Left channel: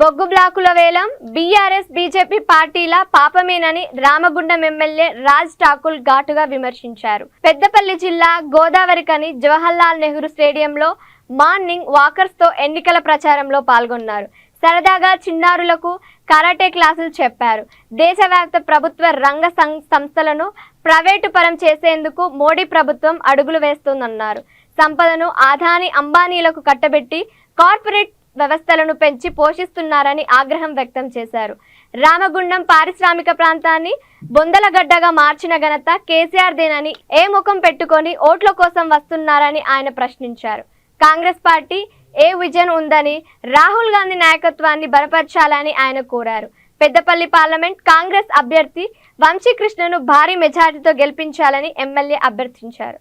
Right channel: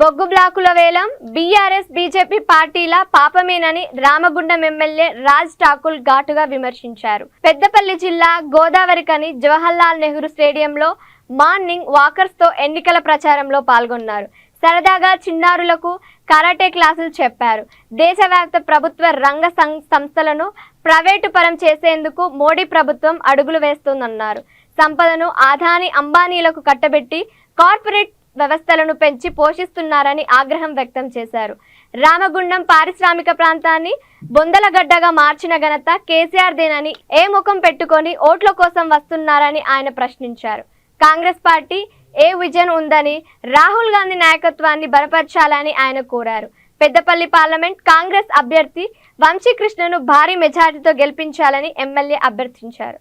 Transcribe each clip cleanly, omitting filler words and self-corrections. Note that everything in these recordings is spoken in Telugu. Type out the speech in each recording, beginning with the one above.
బొగ్గు బ్లాకుల వేలం బీఆర్ఎస్ బీజేపీ పార్టీల పాపమేనని రామగుండం ఎమ్మెల్యే రాజ్ ఠాకూర్ ఘాటుగా విమర్శించారు. పెద్దపల్లి జిల్లా గోదావరికని జవహర్లాల్ నెహ్రూ స్టేడియంలో మార్నింగ్ వాకర్స్ తో ఎన్నికల ప్రచారంలో పాల్గొన్నారు. సరదాగా చిన్నారులకు కరాటే క్లాసులు చెప్పారు. దేశవ్యాప్త ప్రభుత్వ రంగ సంస్థలను ప్రైవేటు పరం చేసేందుకు మోడీ ప్రభుత్వం అడుగులు వేస్తోందన్నారు. సంపదను అదానీ అంబానీలకు కట్టబెట్టి కార్పొరేట్ వ్యవస్థలను పెంచి పోషిస్తున్నారని ఆగ్రహం వ్యక్తం చేశారు. రామగుండం పారిశ్రామిక ప్రాంతాన్ని బొందలగడ్డగా మార్చిన ఘనత కేసీఆర్ దేనని ఏ ముఖం పెట్టుకొని ఓట్ల కోసం వస్తున్నారని ఆయన ప్రశ్నించారు. కాంగ్రెస్ పార్టీ ఏ విజన్ ఉందని రాహుల్ గాంధీ నాయకత్వాన్ని బలపరచాలని ఆయన కోరారు. పెద్దపల్లి పార్లమెంట్ కాంగ్రెస్ అభ్యర్థి వంశీకృష్ణను భారీ మెజార్టీతో గెలిపించాలని ఎమ్మెల్యే అభ్యర్థించారు.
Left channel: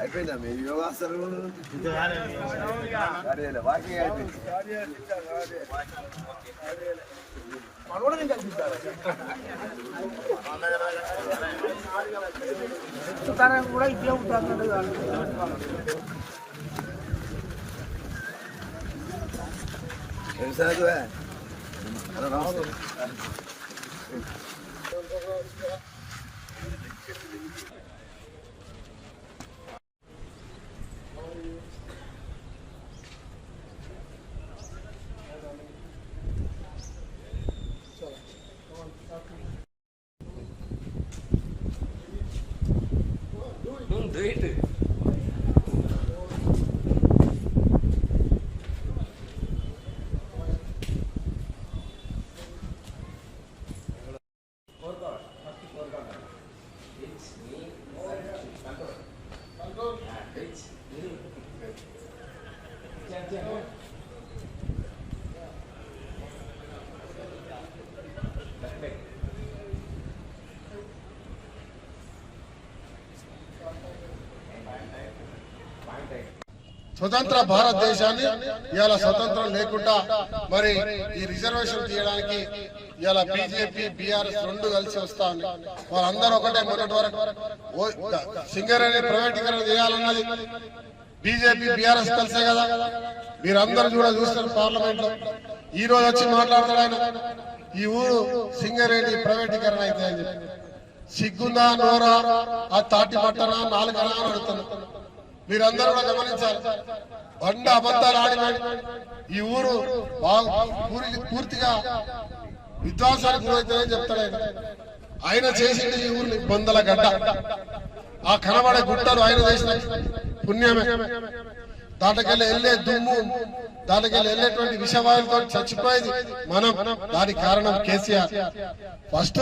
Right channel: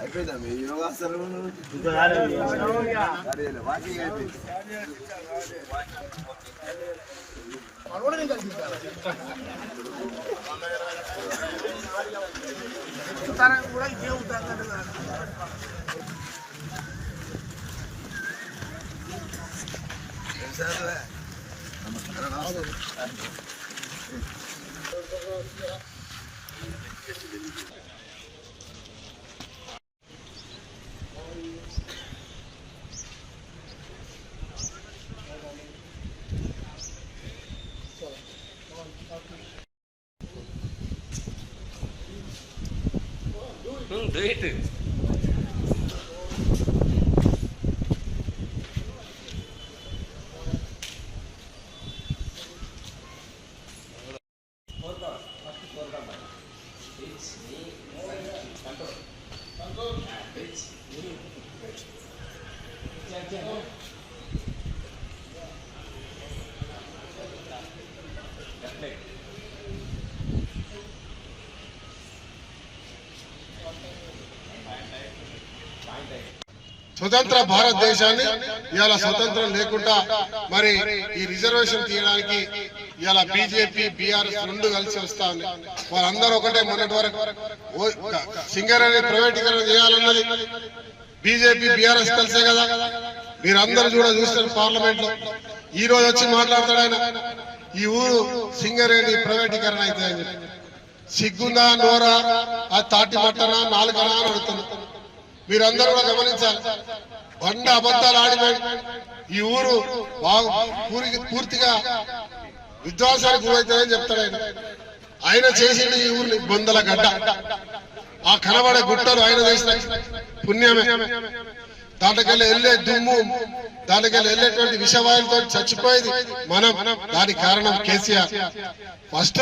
అయిపోయిందా మీ యోగాసనం వాకింగ్ అయిపోయింది. కూడా ఇదే ఉంటుంది. స్వతంత్ర భారతదేశాన్ని ఇవాళ స్వతంత్రం లేకుండా మరి ఈ రిజర్వేషన్ తీయడానికి ఇవాళ బీజేపీ బీఆర్ఎస్ రెండు కలిసి వస్తా ఉంది. వాళ్ళందరూ ఒకటే. మొన్నటి వరకు సింగరేణి ప్రైవేటీకరణ చేయాలన్నది బీజేపీ బీఆర్ఎస్ కలిసే కదా. మీరందరూ కూడా చూస్తారు పార్లమెంట్ లో. ఈ రోజు వచ్చి మాట్లాడతాడు ఆయన, ఈ ఊరు సింగరేణి ప్రైవేటీకరణ అయితే అని చెప్పి. సిగ్గుందా నోరా, ఆ తాటి మట్టనా నాలుగనా అని అడుగుతున్నారు. మీరందరూ కూడా గమనించాలి. బండ అబద్ధాలు ఆడిన ఈ ఊరు పూర్తిగా విధ్వంసానికి గురవుతుందని చెప్తాడు ఆయన. ఆయన చేసింది ఈ ఊరిని బొందల గడ్డ. ఆ కనబడే గుట్టలు ఆయన చేసిన పుణ్యమే. దాంట్లోకెళ్ళి వెళ్ళే దుమ్ము, దాంట్లోకెళ్ళి వెళ్ళేటువంటి విషవాయులతో చచ్చిపోయేది మనం. దానికి కారణం కేసీఆర్. ఫస్ట్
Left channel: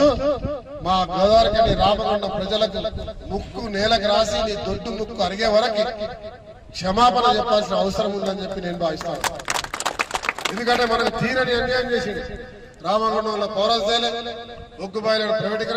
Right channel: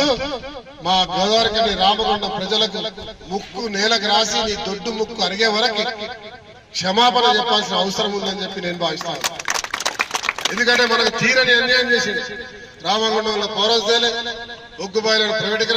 మా గోదావరికని రామగుండం ప్రజలకు ముక్కు నేలకు రాసి నీ దొడ్డు ముక్కు అరిగే వరకు క్షమాపణ చెప్పాల్సిన అవసరం ఉందని చెప్పి నేను భావిస్తాను. ఎందుకంటే మనకు తీరని అన్యాయం చేసింది. రామగుండంలో పౌరస్ బొగ్గు బాయిలను ప్రైవేటీకరణ